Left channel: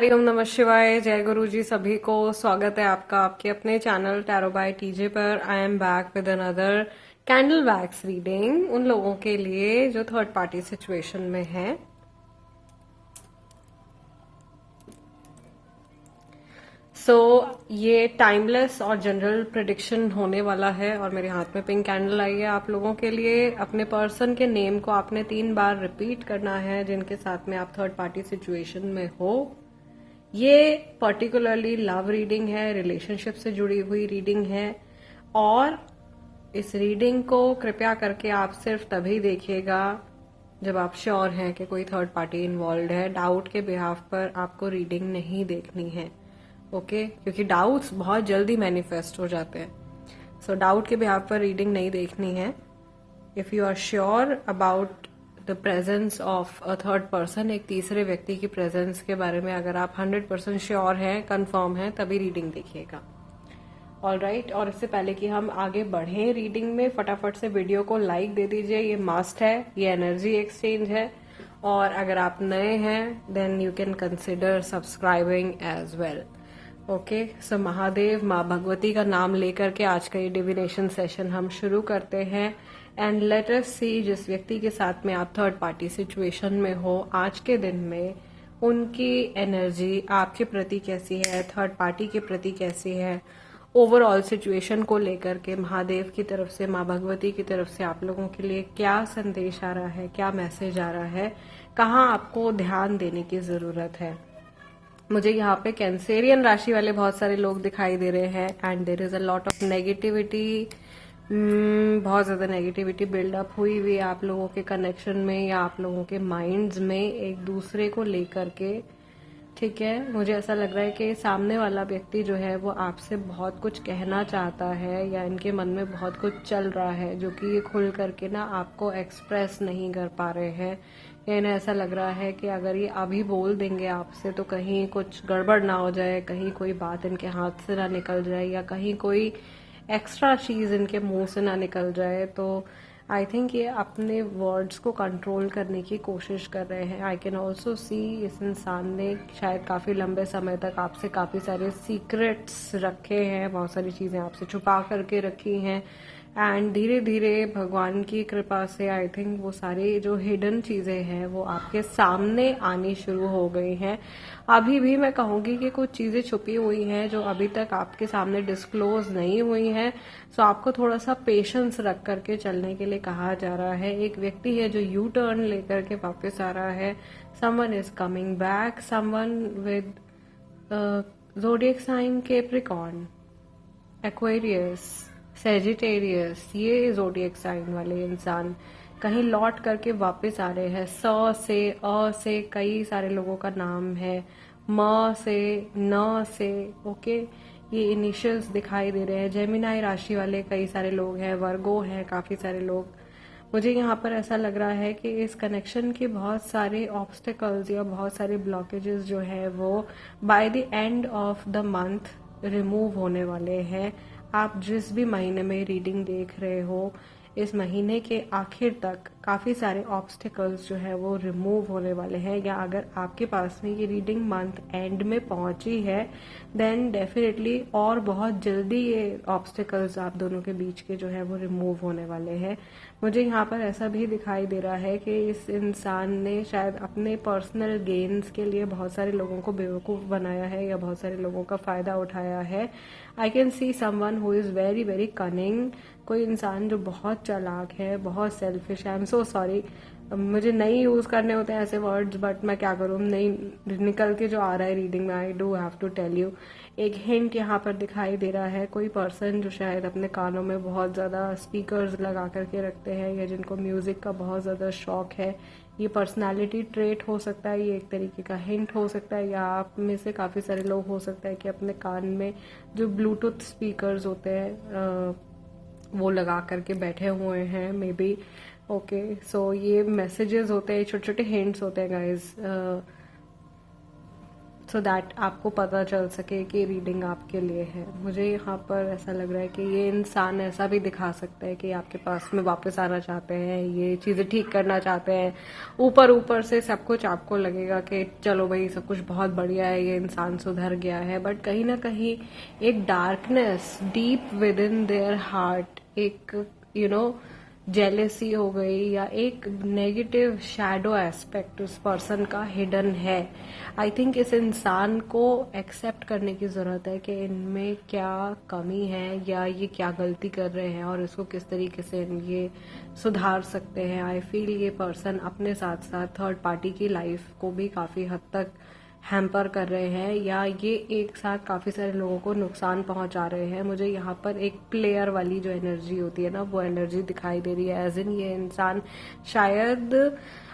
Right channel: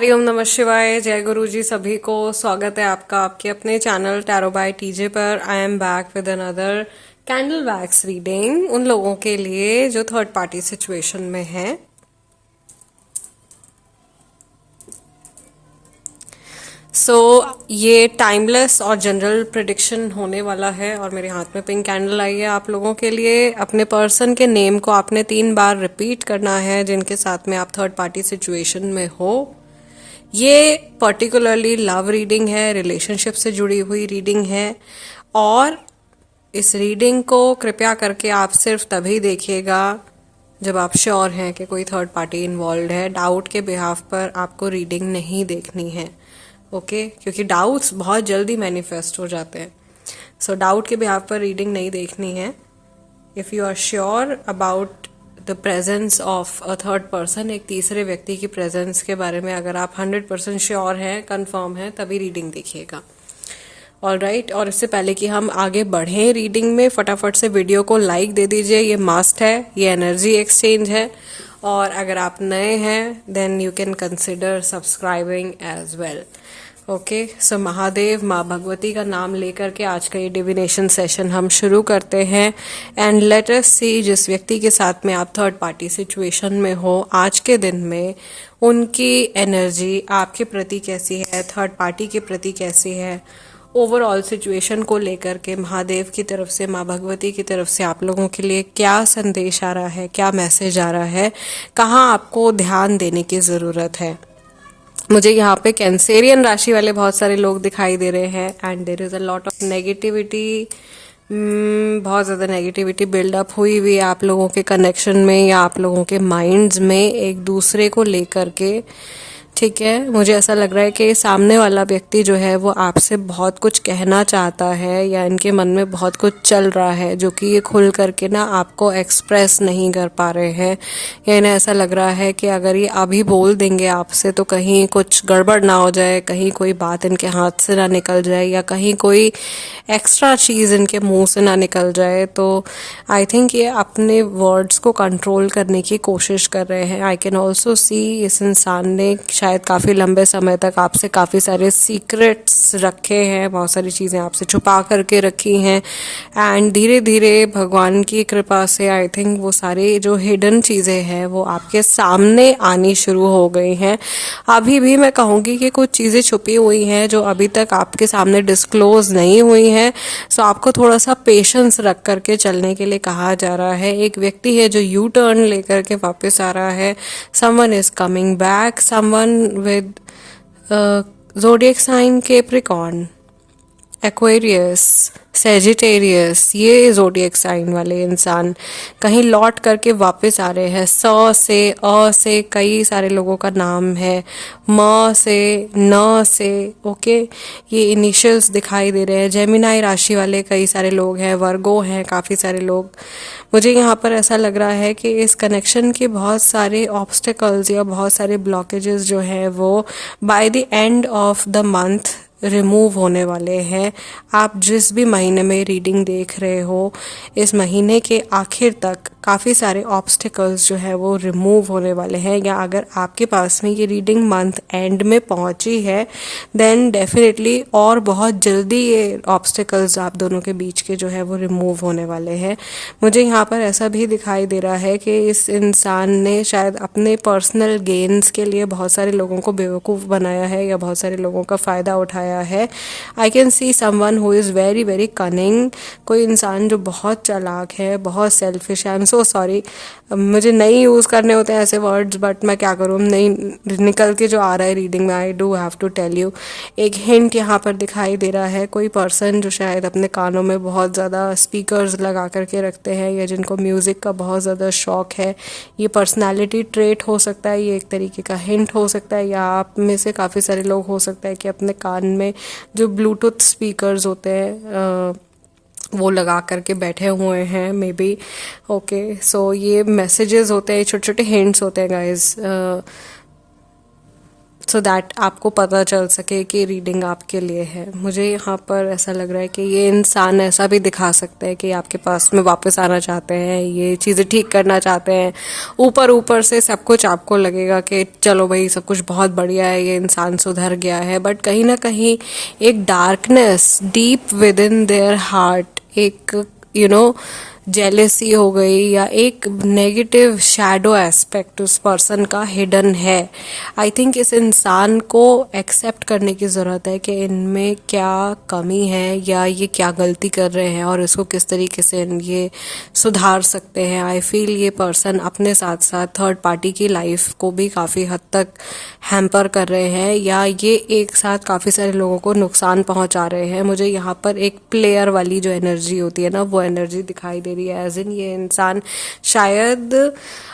हरिओम नमः शिवाय। जय गुरु जी सभी को। स्वागत है आपका आपके अपने चैनल टैरो बाय टीजे पर। I am back with another candle wax reading उन लोगों के लिए जो थर्ड पार्टी सिचुएशन में है। ये टाइमलेस और जनरल प्रिडिक्शन होने वाला है और मेरे हाथ में पिंक कैंडल आई है आप लोगों के लिए। अपने पर्सन के नेम को आपने 3 बार रिपीट करना है जिनके साथ में आप थर्ड पार्टी सिचुएशन में हो। ये पर्टिकुलरली लव रीडिंग है, रिलेशनशिप से जुड़ी हुई रीडिंग है और इस रीडिंग को कृपया करके आप सिर्फ तभी देखिएगा जब आप श्योर हैं कि कोई थर्ड पार्टी इन्वॉल्व है। डाउट के बिहाफ पर आपको रीडिंग नहीं देखनी है, ओके? क्योंकि डाउट्स बहुत जल्दी मैनिफेस्ट हो जाते हैं। सो डाउट के बिहाफ पर रीडिंग नहीं देखनी है। If you are sure about the presence of a third person, एक तीसरे व्यक्ति की प्रेजेंस के बारे में अगर आप 100% श्योर हैं, कंफर्म हैं, तभी रीडिंग देखिएगा। ऑलराइट। और इससे पहले कि हम आगे बढ़ें रीडिंग में, फटाफट से वीडियो को लाइक दे दीजिए। ये मस्ट है, ये एनर्जी एक्सचेंज है। और अगर आप नए हैं then you can consider subscribing as well. Okay, so Mahadev माँ भगवती का नाम लेकर के आज का ये डिविनेशन सेशन हम शुरू करते हैं। एंड लेट अस सी, जिस व्यक्ति के साथ में आप थर्ड पार्टी सिचुएशन में हो आज के दिन में, उनकी एनर्जी आपके प्रति कैसी है, थर्ड पार्टी के प्रति कैसी है, ओवरऑल सिचुएशन को लेकर के महादेव की तरफ से, माँ भगवती की तरफ से आप लोगों के लिए क्या संदेश आ रहा है, क्या मैसेज आ रहा है, कहाँ आपको ध्यान देने की ज़रूरत है। मुझे यहाँ पे कैंसेरियन राशि वाले बहुत सारे लोग दिखाई दे रहे हैं and there is a lot of negativity. बहुत ज़्यादा नेगेटिविटी बिल्डअप हुई हुई है आप लोगों के कनेक्शन में या आप लोगों के माइंड्स में एक दूसरे को लेकर के। ठीक है, मुझे ऐसा लग रहा है कि सामने वाला व्यक्ति जो है वो आपसे बहुत कुछ कहना चाहता है या इनके मन में बहुत कुछ चल रहा है जो कि ये खुल करके ना आपको एक्सप्रेस नहीं कर पा रहे हैं। या इन्हें ऐसा लग रहा है कि अगर ये अभी बोल देंगे आपसे तो कहीं कुछ गड़बड़ ना हो जाए, कहीं कोई बात इनके हाथ से ना निकल जाए या कहीं कोई एक्स्ट्रा चीज़ इनके मुंह से ना निकल जाए। तो आई थिंक ये अपने वर्ड्स को कंट्रोल करने की कोशिश कर रहे हैं। आई कैन ऑल्सो सी इस इंसान ने शायद काफ़ी लंबे समय तक आपसे काफ़ी सारे सीक्रेट्स रखे हैं, बहुत सारी चीज़ें आपसे छुपा करके रखी हैं एंड धीरे धीरे भगवान की कृपा से आई थिंक वो सारी जो हिडन चीज़ें हैं वो आपके सामने आनी शुरू हो गई हैं। अभी भी मैं कहूँगी कि कुछ चीज़ें छुपी हुई हैं जो अभी तक आपके सामने डिस्क्लोज नहीं हुई हैं। सो आपको थोड़ा सा पेशेंस रख करके चलने के लिए कहा जा रहा है। एक व्यक्ति है जो यू टर्न लेकर के वापस आ रहा है। Someone is coming back, someone with zodiac sign Capricorn, Aquarius, Sagittarius, ये ज़ोडिएक साइन वाले इंसान कहीं लौट करके वापस आ रहे हैं। से अ से कई सारे लोगों का नाम है, म से, न से, ओके, ये इनिशियल्स दिखाई दे रहे हैं। जेमिनाई राशि वाले कई सारे लोग हैं, वर्गो हैं काफ़ी सारे लोग। मुझे यहाँ पर ऐसा लग रहा है कि इस कनेक्शन के बहुत सारे ऑब्स्टिकल्स या बहुत सारे ब्लॉकेजेस जो हैं वो by the end of the month remove होने वाले हैं। आप जिस भी महीने में रीडिंग देख रहे हो, इस महीने के आखिर तक काफ़ी सारे ऑब्स्टिकल्स जो है वो रिमूव होने वाले हैं। या अगर आपके पास में ये रीडिंग मंथ एंड में पहुंची है देन डेफिनेटली और बहुत जल्दी ये ऑब्स्टिकल्स आप दोनों के बीच के जो है वो रिमूव होने वाले हैं। मुझे यहाँ पर ऐसा भी दिखाई दे रहा है कि इस इंसान ने शायद अपने पर्सनल गेन्स के लिए बहुत सारे लोगों को बेवकूफ़ बनाया है या बहुत सारे लोगों का फ़ायदा उठाया है। I can see someone who is very very cunning, कोई इंसान जो बहुत चालाक है, बहुत सेल्फिश है। आई एम सो सॉरी, मुझे नहीं यूज़ करने होते हैं ऐसे वर्ड्स बट मैं क्या करूँ, नहीं निकल के जो आ रहा है रीडिंग में, I do have to tell you. एक हिंट यहाँ पर दिखाई दे रहा है, कोई पर्सन जो शायद अपने कानों में बहुत ज़्यादा स्पीकर्स लगा करके रखते हैं या जिनको म्यूज़िक का बहुत ज़्यादा शौक है। ये पर्सनैलिटी ट्रेट हो सकता है, ये एक तरीके का हिंट हो सकता है, या आप में से काफ़ी सारे लोग हो सकता है कि अपने कान में जो ब्लूटूथ स्पीकर्स होते हैं वो लगा करके बैठे हुए हैं मे बी। ओके, सो ये मैसेजेस होते हैं, छोटे छोटे हिंट्स होते हैं गाइज। सो दैट आपको पता चल सके कि रीडिंग आपके लिए है। मुझे यहाँ पर ऐसा लग रहा है कि ये इंसान ऐसा भी दिखा सकता है कि आपके पास में वापस आना चाहते हैं, ये चीज़ें ठीक करना चाहते हैं। ऊपर ऊपर से सब कुछ आपको लगेगा कि चलो भाई सब कुछ बहुत बढ़िया है, ये इंसान सुधर गया है, बट कहीं ना कहीं एक darkness deep with in their heart, एक जेलेसी हो गई या एक नेगेटिव शैडो एस्पेक्ट उस पर्सन का हिडन है। आई थिंक इस इंसान को एक्सेप्ट करने की ज़रूरत है कि इनमें क्या कमी है या ये क्या गलती कर रहे हैं और इसको किस तरीके से ये सुधार सकते हैं। आई फील ये पर्सन अपने साथ साथ थर्ड पार्टी की लाइफ को भी काफ़ी हद तक हैम्पर कर रहे हैं या ये एक साथ काफ़ी सारे लोगों को नुकसान पहुंचा रहे हैं। मुझे यहाँ पर एक प्लेयर वाली जो एनर्जी होती है ना, वो एनर्जी दिखाई दे रही है। एज इन ये इंसान, शायद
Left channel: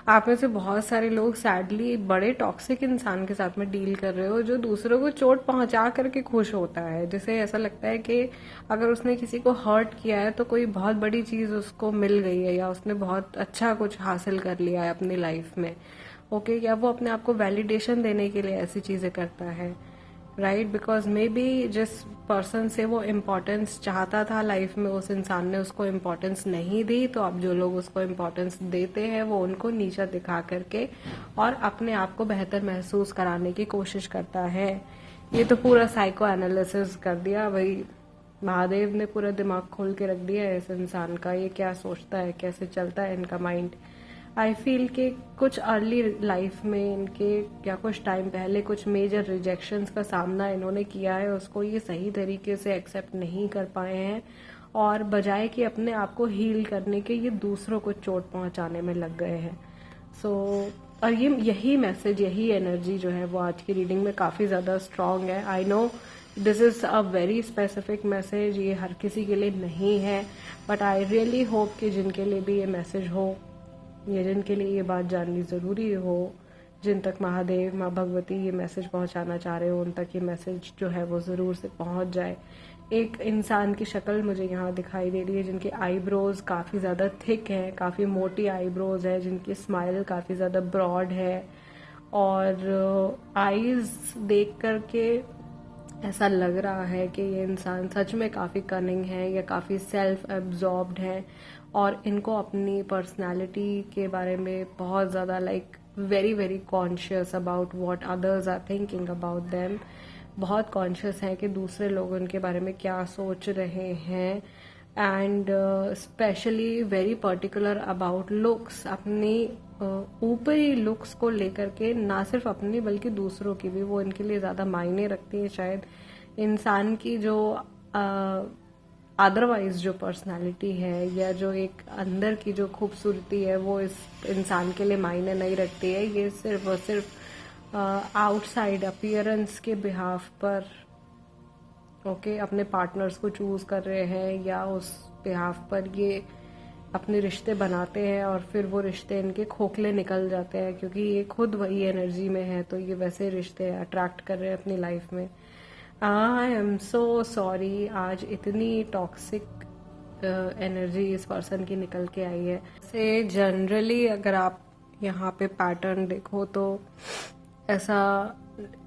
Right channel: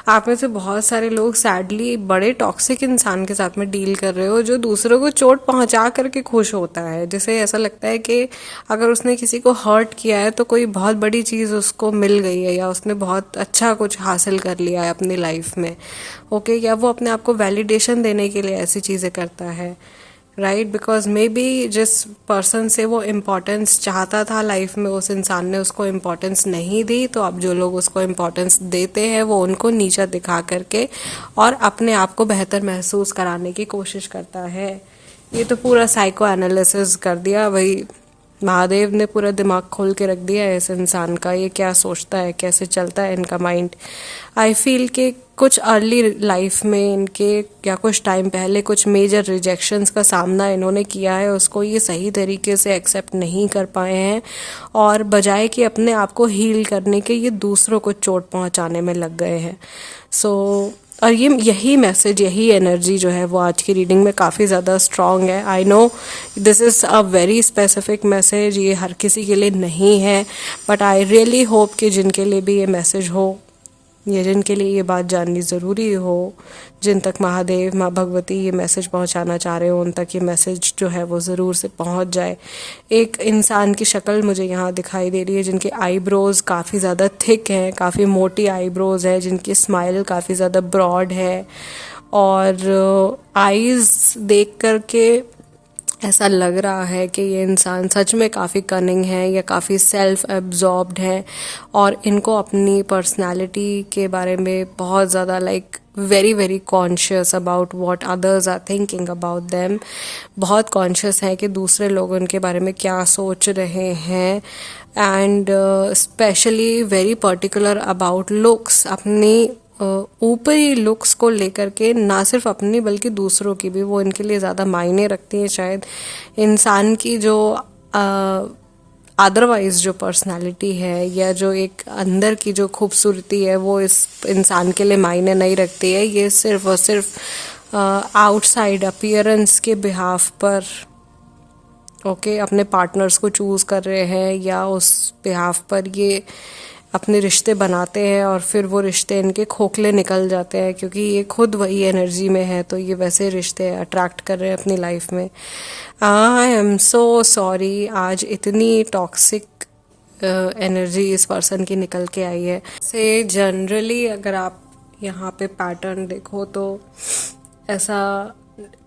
आप में से बहुत सारे लोग सैडली बड़े टॉक्सिक इंसान के साथ में डील कर रहे हो जो दूसरों को चोट पहुंचा करके खुश होता है, जिसे ऐसा लगता है कि अगर उसने किसी को हर्ट किया है तो कोई बहुत बड़ी चीज़ उसको मिल गई है या उसने बहुत अच्छा कुछ हासिल कर लिया है अपनी लाइफ में। ओके, या वो अपने आप को वैलिडेशन देने के लिए ऐसी चीज़ें करता है, राइट? बिकॉज मे बी जिस पर्सन से वो इम्पोर्टेंस चाहता था लाइफ में, उस इंसान ने उसको इम्पोर्टेंस नहीं दी, तो अब जो लोग उसको इम्पोर्टेंस देते हैं वो उनको नीचा दिखा करके और अपने आप को बेहतर महसूस कराने की कोशिश करता है। ये तो पूरा साइको एनालिसिस कर दिया भाई, महादेव ने पूरा दिमाग खोल के रख दिया है इस इंसान का। ये क्या सोचता है, कैसे चलता है इनका माइंड। आई फील कि कुछ अर्ली लाइफ में इनके या कुछ टाइम पहले कुछ मेजर रिजेक्शंस का सामना इन्होंने किया है, उसको ये सही तरीके से एक्सेप्ट नहीं कर पाए हैं और बजाय कि अपने आप को हील करने के ये दूसरों को चोट पहुंचाने में लग गए हैं। और यही मैसेज, यही एनर्जी जो है वो आज की रीडिंग में काफ़ी ज़्यादा स्ट्रॉन्ग है। I know this is a very specific message, ये हर किसी के लिए नहीं है, बट आई रियली होप कि जिनके लिए भी ये मैसेज हो या जिनके लिए ये बात जाननी ज़रूरी हो, जिन तक महादेव माँ भगवती ये मैसेज पहुंचाना चाह रहे हो, उन तक ये मैसेज जो है वो ज़रूर से पहुंच जाए। एक इंसान की शक्ल मुझे यहाँ दिखाई दे रही है जिनके आईब्रोज़ काफ़ी ज़्यादा थिक हैं, काफ़ी मोटी आईब्रोज़ है, जिनकी स्माइल काफ़ी ज़्यादा ब्रॉड है और आईज़ देख कर के ऐसा लग रहा है कि ये इंसान सच में काफ़ी कनिंग है या काफ़ी सेल्फ एब्जॉर्ब्ड है और इनको अपनी पर्सनालिटी के बारे में बहुत ज़्यादा very very conscious about what others are thinking about them. बहुत कॉन्शियस है कि दूसरे लोग उनके बारे में क्या सोच रहे हैं and specially very particular about looks. अपनी ऊपरी लुक्स को लेकर के ना सिर्फ अपनी बल्कि दूसरों की भी वो इनके लिए ज़्यादा मायने रखती हैं। शायद इंसान की जो अदरवाइज जो पर्सनालिटी है या जो एक अंदर की जो खूबसूरती है वो इस इंसान के लिए मायने नहीं रखती है। ये सिर्फ और सिर्फ आउटसाइड अपीयरेंस के बिहाफ पर अपने पार्टनर्स को चूज़ कर रहे हैं या उस बिहाफ पर ये अपने रिश्ते बनाते हैं और फिर वो रिश्ते इनके खोखले निकल जाते हैं क्योंकि ये खुद वही एनर्जी में है, तो ये वैसे रिश्ते अट्रैक्ट कर रहे हैं अपनी लाइफ में। आई एम सो सॉरी, आज इतनी टॉक्सिक एनर्जी इस पर्सन की निकल के आई है। से जनरली अगर आप यहाँ पे पैटर्न देखो तो ऐसा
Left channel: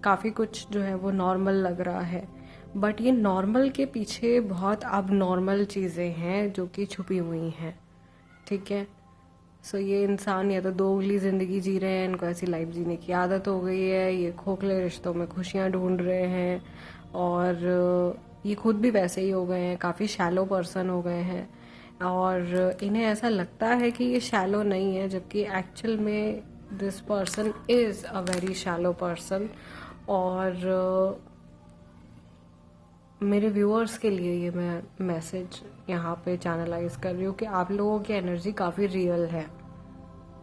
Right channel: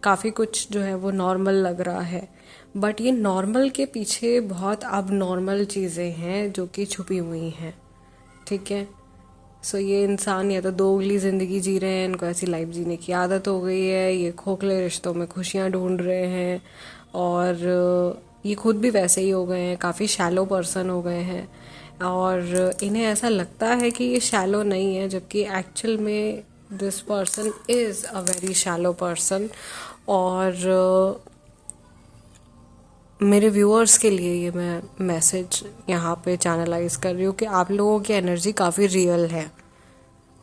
काफ़ी कुछ जो है वो नॉर्मल लग रहा है, बट ये नॉर्मल के पीछे बहुत अब नॉर्मल चीज़ें हैं जो कि छुपी हुई हैं। ठीक है, सो ये इंसान या तो दोगली ज़िंदगी जी रहे हैं, इनको ऐसी लाइफ जीने की आदत हो गई है, ये खोखले रिश्तों में खुशियाँ ढूंढ रहे हैं और ये खुद भी वैसे ही हो गए हैं, काफ़ी शैलो पर्सन हो गए हैं और इन्हें ऐसा लगता है कि ये शैलो नहीं है, जबकि एक्चुअल में this person is a very shallow person. और मेरे व्यूअर्स के लिए ये मैं मैसेज यहाँ पे चैनलाइज कर रही हूँ कि आप लोगों की एनर्जी काफ़ी रियल है।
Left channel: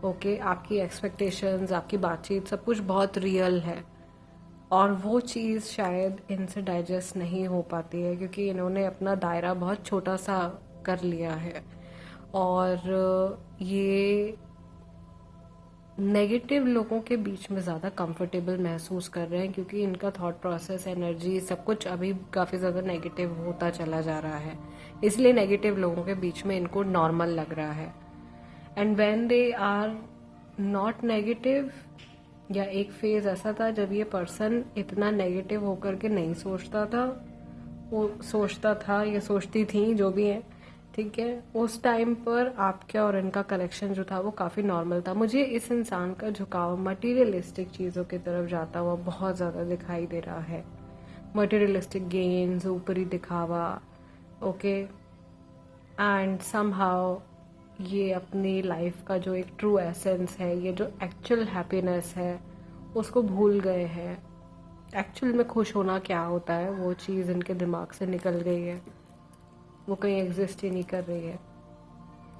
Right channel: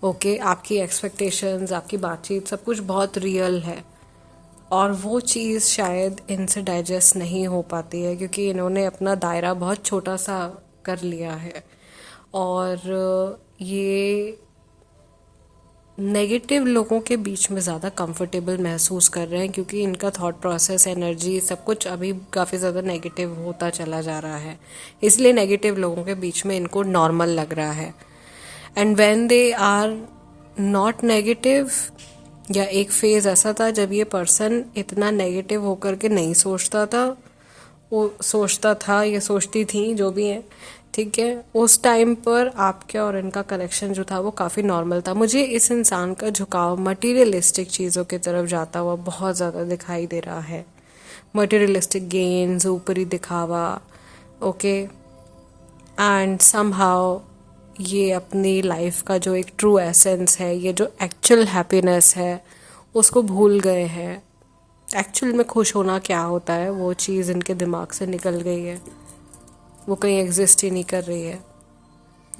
ओके, आपकी एक्सपेक्टेशंस, आपकी बातचीत, सब कुछ बहुत रियल है और वो चीज़ शायद इनसे डाइजेस्ट नहीं हो पाती है क्योंकि इन्होंने अपना दायरा बहुत छोटा सा कर लिया है और ये नेगेटिव लोगों के बीच में ज़्यादा कंफर्टेबल महसूस कर रहे हैं क्योंकि इनका थॉट प्रोसेस, एनर्जी, सब कुछ अभी काफ़ी ज़्यादा नेगेटिव होता चला जा रहा है, इसलिए नेगेटिव लोगों के बीच में इनको नॉर्मल लग रहा है। And when they are not negative, या एक फेज़ ऐसा था जब ये पर्सन इतना नेगेटिव होकर के नहीं सोचता था, वो सोचता था या सोचती थी जो भी है, ठीक है। उस टाइम पर आपके और इनका कनेक्शन जो था वो काफ़ी नॉर्मल था। मुझे इस इंसान का झुकाव मटीरियलिस्टिक चीज़ों की तरफ जाता हुआ बहुत ज़्यादा दिखाई दे रहा है। मटीरियलिस्टिक गेन्स, ऊपरी दिखावा, ओके। एंड समहाउ ये अपनी लाइफ का जो एक ट्रू एसेंस है, ये जो एक्चुअल हैप्पीनेस है, उसको भूल गए हैं। एक्चुअल में खुश होना क्या होता है, वो चीज़ इनके दिमाग से निकल गई है, वो कहीं एग्जिस्ट ही नहीं कर रही है।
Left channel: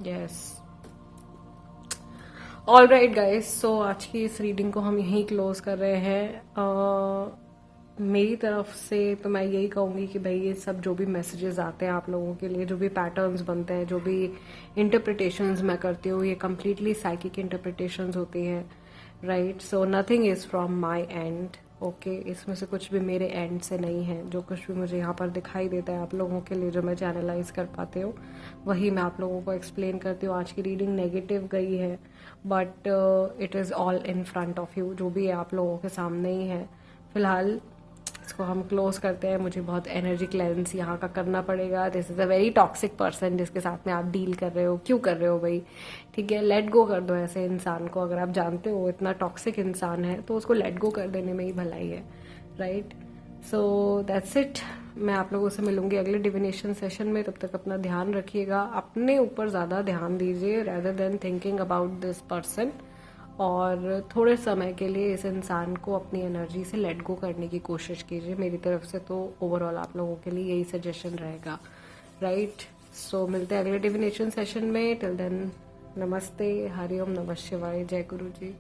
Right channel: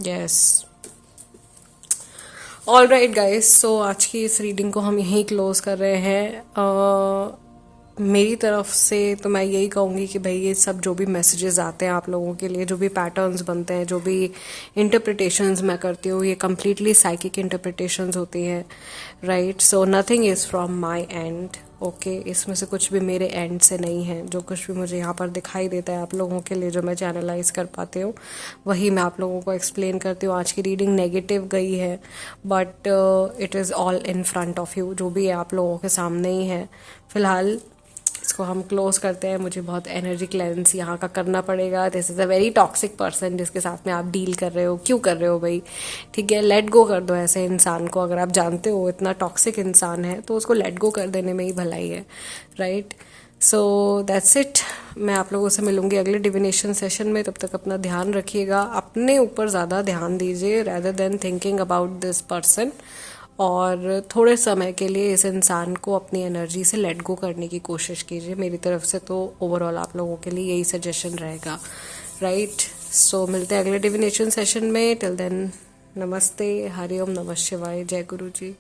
यस, ऑल राइट गाइस, सो आज की इस रीडिंग को हम यहीं क्लोज कर रहे हैं। मेरी तरफ से तो मैं यही कहूँगी कि भाई ये सब जो भी मैसेजेस आते हैं आप लोगों के लिए, जो भी पैटर्न्स बनते हैं, जो भी इंटरप्रिटेशंस मैं करती हूँ, ये कम्प्लीटली साइकिक इंटरप्रिटेशंस होती हैं, right. So nothing is from my and, okay. इसमें से कुछ भी मेरे एंड से नहीं है। जो कुछ भी मुझे यहाँ पर दिखाई देता है आप लोगों के लिए, जो मैं चैनलाइज कर पाती हूँ, वही मैं आप लोगों को एक्सप्लेन करती हूँ। आज की रीडिंग नेगेटिव गई है, but it is all in front of you, जो भी है आप लोगों के सामने ही है। फ़िलहाल इसको हम क्लोज करते हैं। मुझे बहुत एनर्जी क्लेंस यहाँ का करना पड़ेगा। This is a very toxic person जिसके साथ में आप डील कर रहे हो। क्यों कर रहे हो भाई, ठीक है, लेट गो कर दो ऐसे इंसान को। अगर आप जानते हो इतना टॉक्सिक इंसान है तो उसको लेट गो कर देने में ही भलाई है, राइट। So that's it. मैं आप लोगों से मिलूंगी अगले डिविनेशन सेशन में। तब तक अपना ध्यान रखिएगा, अपने ऊपर ज़्यादा ध्यान दीजिए rather than thinking about this person. और थोड़े समय के लिए इस इंसान को अपनी एनर्जी से लेट गो करने की कोशिश कीजिए। मेरी तरफ से तो ओवरऑल आप लोगों के लिए यही सजेशन रहेगा, राइट। सो मिलते हैं अगले डिविनेशन सेशन में। टिल देन, नमस्ते, हरिओम, नमः शिवाय, जय गुरु जी।